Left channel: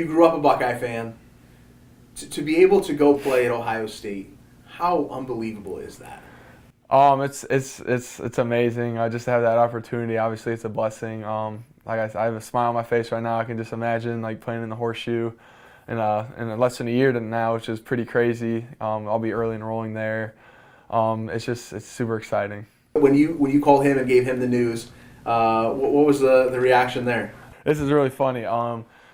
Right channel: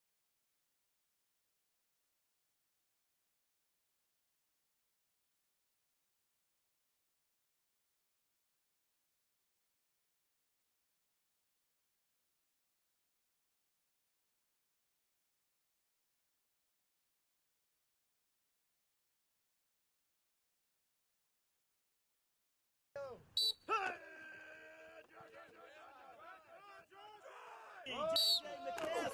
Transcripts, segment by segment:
you grew up a Buckeye fan. To be able to go play at Ohio State, how unbelievable is that? It's amazing. Just to have that opportunity. Obviously, it's a blessing. I have a smile on my face right now. I can just imagine like playing in the horseshoe, in less than a year to now, which is pretty crazy. I'll be early enrolling there. It's super exciting. When you called him and gave him the news, what was the reaction there? This is really funny.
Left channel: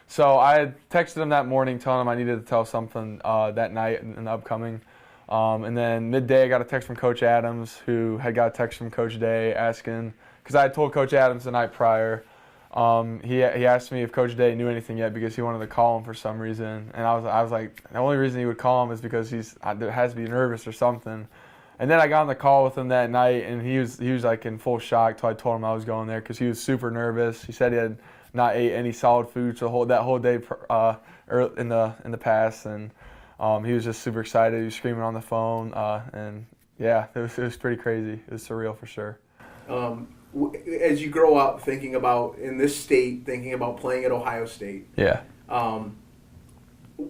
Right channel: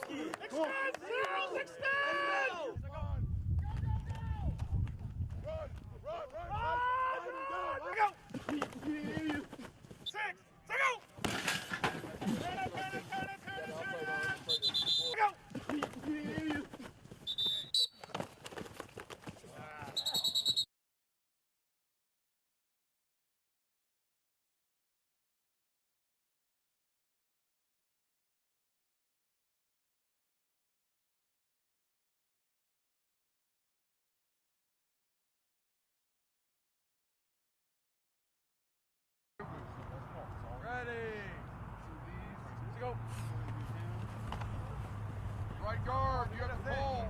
So I had texted him that morning telling him I needed to tell something that night in the upcoming. And then midday, I got a text from Coach Adams, who had got a text from Coach Day asking, because I had told Coach Adams the night prior. He asked me if Coach Day knew anything yet because he wanted to call him for some reason. And I was like, the only reason he would call him is because has to be nervous or something. And then I got on the call with him that night, and he was like in full shock till I told him I was going there because he was super nervous. He said he had not ate any solid food that whole day in the past, and he was just super excited. He was screaming on the phone, and yeah, it was pretty crazy. It was surreal for sure. As you grow up thinking about in this state, thinking about playing at Ohio State, Yeah. um,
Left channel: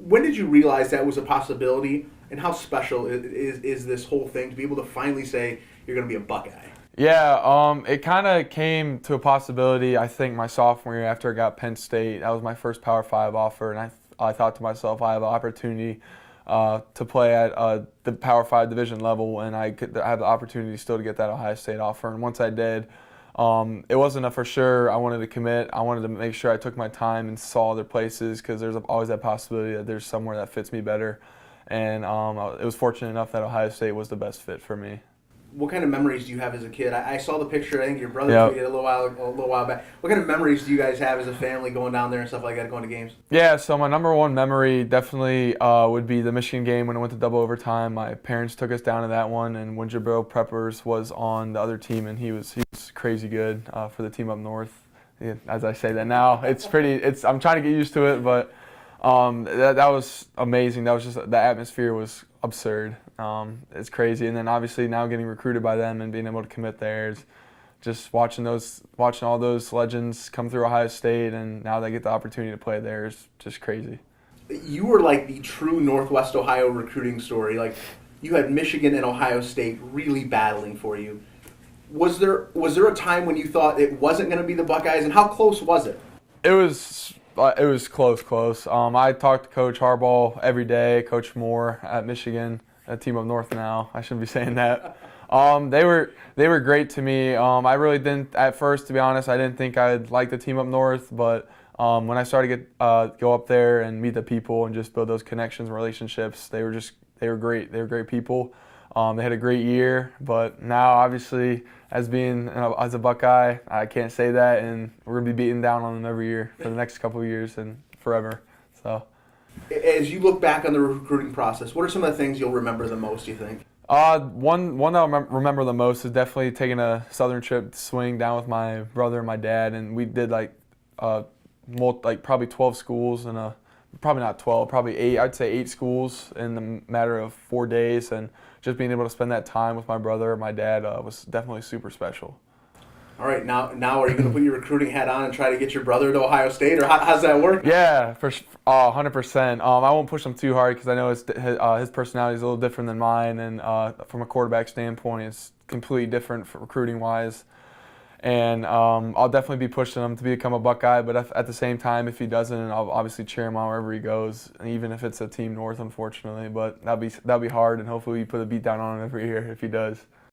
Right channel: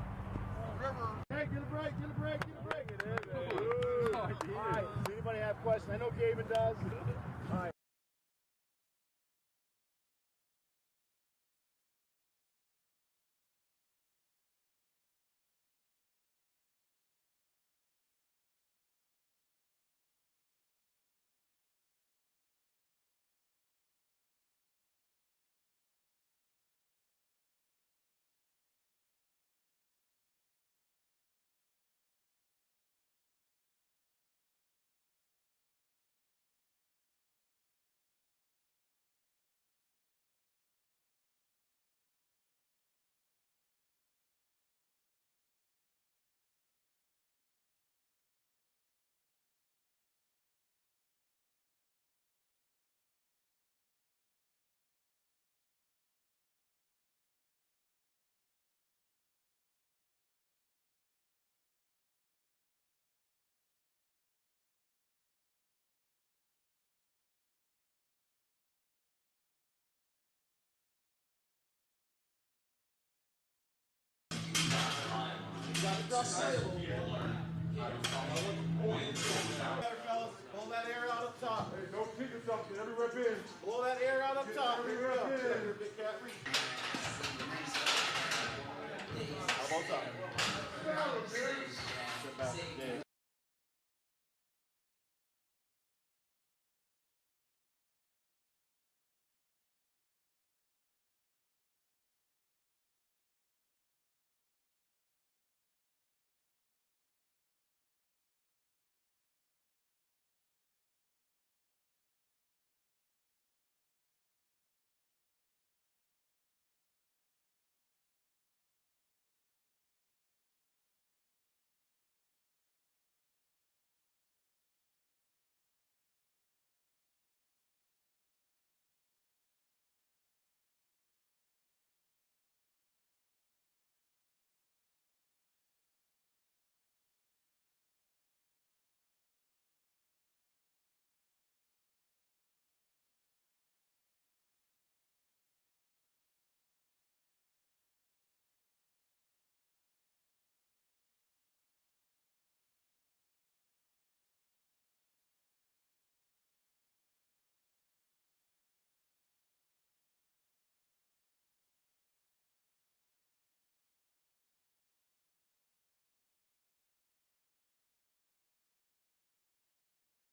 when did you realize that was a possibility, and how special is this whole thing to be able to finally say you're going to be a Buckeye? Yeah, it kind of came to a possibility, I think, my sophomore year after I got Penn State. That was my first Power 5 offer, and I thought to myself, I have an opportunity to play at the Power 5 division level, and I have the opportunity still to get that Ohio State offer. And once I did, it wasn't a for sure I wanted to commit. I wanted to make sure I took my time and saw other places because there's always that possibility that there's somewhere that fits me better. And it was fortunate enough that Ohio State was the best fit for me. What kind of memories do you have as a kid? I saw the picture. I think your brother Yep. tweeted a little while back. What kind of memories do you guys have as a family going down there and stuff like that, going to games? Yeah, so my number one memory definitely would be the Michigan game when it went to double overtime. My parents took us down to that one, and when Jabril Peppers was on the other team, and he was crazy good for the team up north. Yeah, as I say that now, I'm trying to get used to it, but that was amazing. That was just the atmosphere was absurd. It's crazy, and then obviously now getting recruited by them and being able to commit there is just watching all those legends come through Ohio State, and now they get the opportunity to play there is just crazy. You were like the true Northwest Ohio recruiting story. Like you had Michigan and Ohio State really battling for you. Was there a time when you thought it wasn't going to be the Buckeyes, and how close was it? It was close. I talk to Coach Harbaugh every day, Coach Moore at Michigan, a team up north now. I shouldn't be saying that. They were great to me. I really didn't at first, to be honest. I didn't think I'd like the team up north, but when I started to go up there and meet the people and just build those connections and relationships, they were great. They were great people. They had a great year, but now obviously as a Buckeye, I can't say that, and we're gonna be beating down on them every year for the next couple of years and forever. So, As you look back on the recruiting process, what are some of the things you'll remember the most, you think? one that I remember the most is definitely taking a southern trip swing down with my brother and my dad, and we did probably 12 schools and probably not 12, probably 8. I'd say 8 schools in the matter of 4 days, and just being able to spend that time with my brother and my dad was definitely super special. All right, now are you going to put your recruiting hat on and try to get your brother to Ohio State, or how's that work? Yeah, 100%. I won't push him too hard because I know his personality is a little different than mine, and from a quarterback standpoint, it's completely different for recruiting-wise. And I'll definitely be pushing him to become a Buckeye, but at the same time, if he doesn't, I'll obviously cheer him on wherever he goes, even if it's a team north, unfortunately. But that'll be hard, and hopefully we put a beat down on him every year if he does.